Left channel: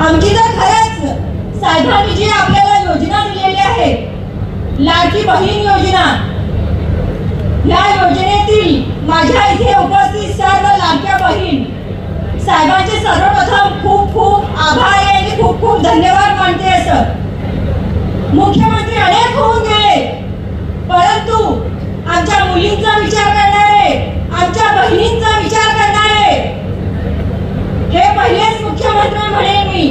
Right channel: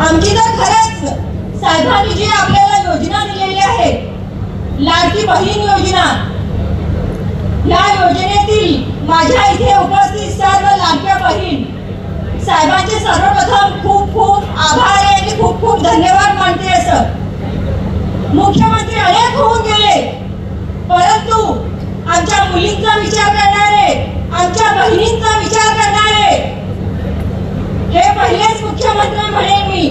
आमची तर खरंच साहेबांनी जी आपल्याला योजना दिलेली आहे लाडकी बहीण योजना या योजनेतील माझ्या इथे उपस्थित सर्व लाडक्या बहीण साहेबांचे सर्वप्रथम खूप खूप आभार आहे आणि खूप खूप धन्यवाद मानते असं मुख्यमंत्री अनेक होऊन गेले परंतु आमच्या मुलींचा विचार करणारे आमच्या बहिणींचा विचार करणारे हे पहिलेच मुख्यमंत्री म्हणेन मी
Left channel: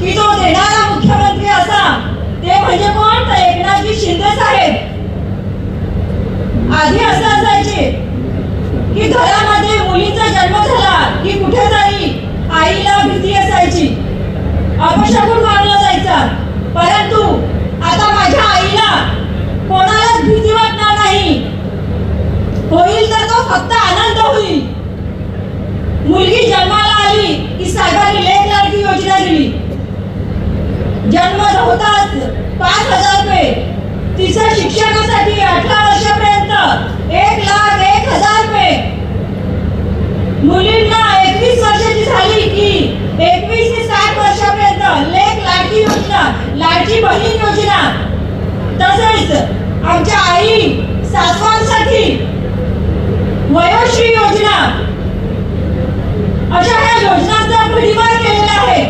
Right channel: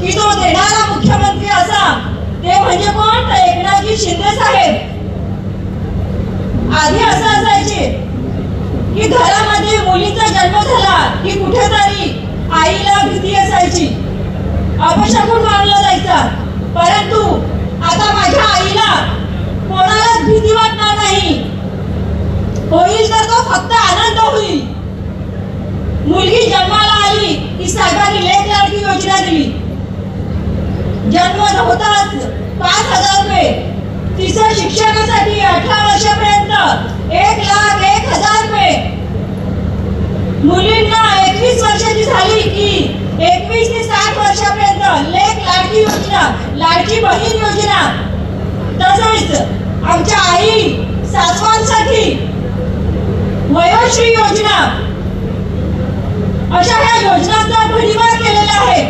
की जो देणारा मुख्यमंत्री असा ते म्हणजे कोण तर एकनाथजी शिंदे साहेब आधी असं असायचे की घरामध्ये मुलीचा जन्म झाला की कुठेतरी आईला भीती असायची अपशकुन मानला जायचा परंतु आता माझ्या आईला कोणाला भीती वाटणार नाही. होईल तर तो फक्त आनंद होईल. मुलगी जन्माला आली की साहेबांनी लेख लाडकी योजना दिली जन्म होताच पाच हजार रुपये. तिचं शिक्षणासाठी अठरा वर्षापर्यंत एक लाख एक हजार रुपये. मुलींना एकवीस वर्षाची झाली की एकवीस ते साठ वर्षापर्यंत लेख लाडकी योजना लाडकी बहीण योजना. तसंच आमच्या आई सासवांसाठी वयोश्री योजना. अशा ह्या योजनांचा परिवार केलेला आहे.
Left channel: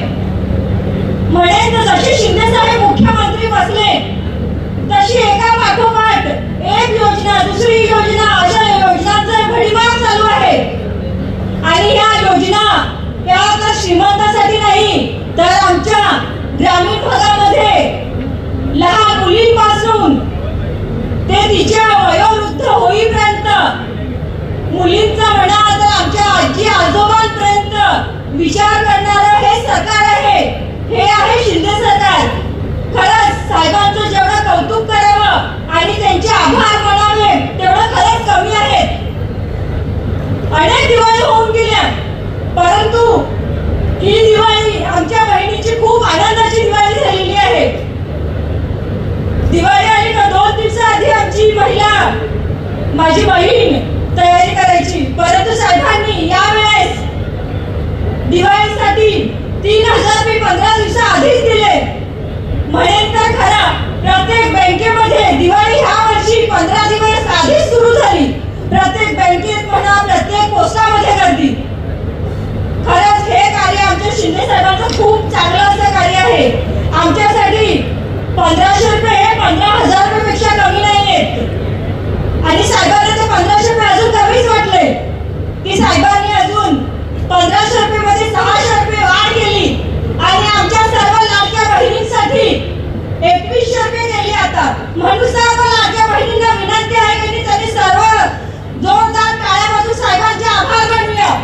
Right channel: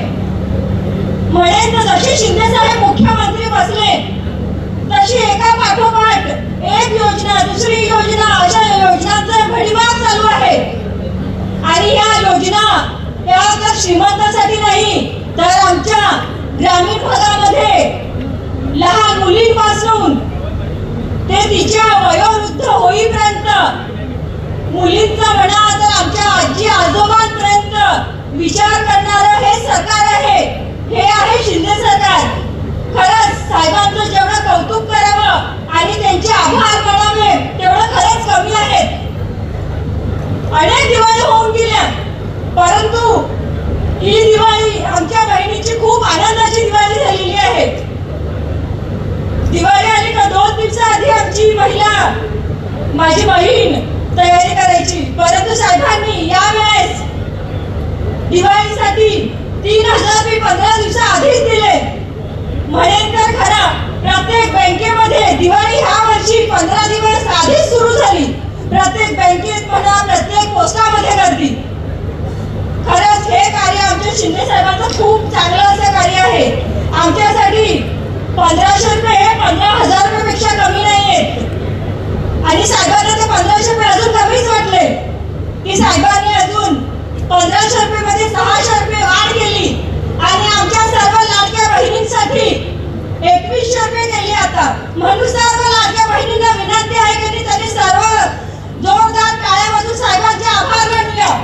म्हणेन जसे शिंदे साहेब मुख्यमंत्री बसले तशी एका पाठोपाठ एक योजना दुसरी योजना अशा योजनांचा भडीमार चालू आहे आणि या योजना त्या श्रीमंतासाठी नाही तर आमच्या ग्रामीण भागामध्ये लहान मुलींपासून ते तिच्या वयोवृद्ध होईपर्यंत मुलींचा म्हणा तर आमच्या आजी आजोबांपर्यंत विचार करणारं हे सरकार आहे. हे आहे शिंदे सरकार. खरंच साहेबांचं जेवढं कौतुक करावं आणि त्यांचे आभार मानावे तेवढं खरंच कमी आहे अनेक दिवाळी होऊन गेल्या परंतु ही दिवाळी आमच्या बहिणीची खूप आनंदाची दिवाळी झालेली आहे दिवाळी आली का दोन दिवसाआधी महिला माझी बहीण तयारी करायची. परंतु साहेबांनी यावेळेस दिवाळीसाठी तीन हजार मी पंधरा दिवसा आधीच दिले. म्हणेन तर खरा प्रत्येक बँकेमध्ये दिवाळी ह्या वर्षी पंधरा दिवस आधीच सुरू झाली. प्रत्येक बँकेत म्हणा प्रत्येक पोस्टामध्ये गर्दी. खरंच हे कार्य आमच्या शिंदे साहेबांचं खूप चांगलं असं कार्य आहे. आमच्यासाठी पंधराशे रुपये हे पंधरा हजार रुपयापेक्षा कमी नाही आहेत आणि साहेबांना ते पंधराशे रुपये अजून कमीच वाटले की साहेबांनी अजून पंधराशे रुपये मध्ये सहाशे रुपये वाढ केली आणि आमच्या सर्व लाडक्या बहिणींसाठी एकवीसशे रुपये केली आता म्हणून सर्व लाडक्या बहिणींना विनंती आहे की त्यांनी सर्व जोरदार टाळ्यामधून साहेबांचे आभार मानूया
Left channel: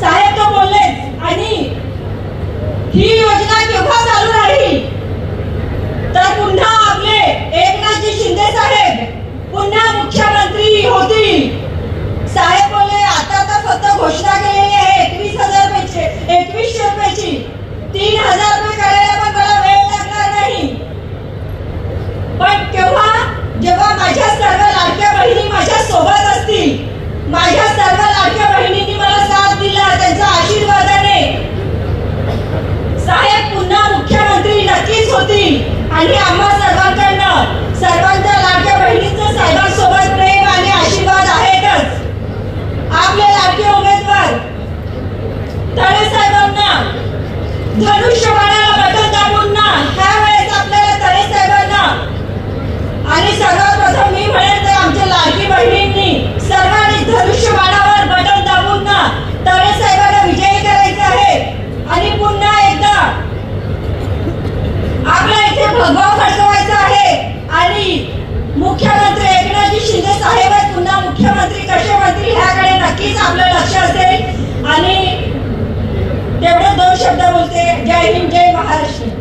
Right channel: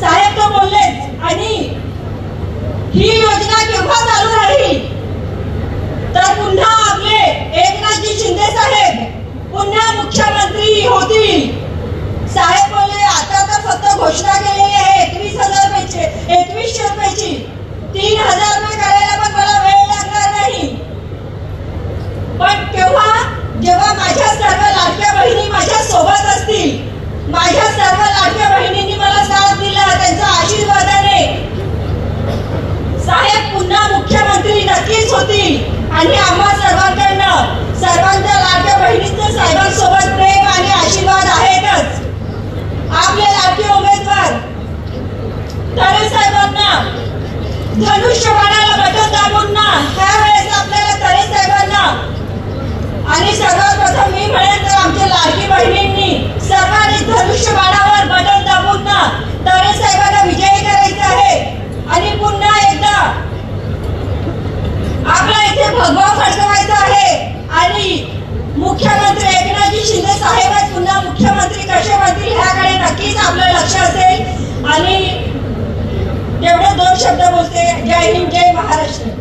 साहेब तो बोललेच आणि ही योजना केव्हा चालू राहील तर पुन्हा आपले एकनाथजी शिंदे साहेब पुन्हा मुख्यमंत्री होतील साहेब बोलले आता तर फक्त घोषणा केलेली आहे एकवीस हजार रुपयाची एकवीसशे रुपयाची. तीन हजार रुपये करायला पण मला वेळ लागणार नाही. पण तेव्हा जेव्हा माझ्या सर्व लाडक्या बहिणी माझ्या सोबत असतील माझ्या सर्व लाडक्या बहिणींनी मला साथ दिला त्यांच्या आशीर्वादाने. साहेब पुन्हा मुख्यमंत्री नक्कीच होतील. आणि आम्हा सर्वांकडनं सर्वांच्या लाडक्या बहिणीचं साहेबांसोबत आपले लाडके उमेदवार साहेबांना धनुष्यबाणाला बदल दाबूंना त्यावेळेस आपल्याला तरे साहेबांना आणि सर्वात प्रथम मी म्हणेन तर आमच्या लाडकी बहिणींनी सर्वांनी धनुष्यबाणावर बदल दाबूंना तरे साहेबांना विजयी करायचं आहे. आणि पुन्हा एकदा आपल्या इथे भगवा फडकवायचा आहे. आणि मुख्यमंत्री एकनाथजी शिंदे साहेब पुन्हा मुख्यमंत्री coragem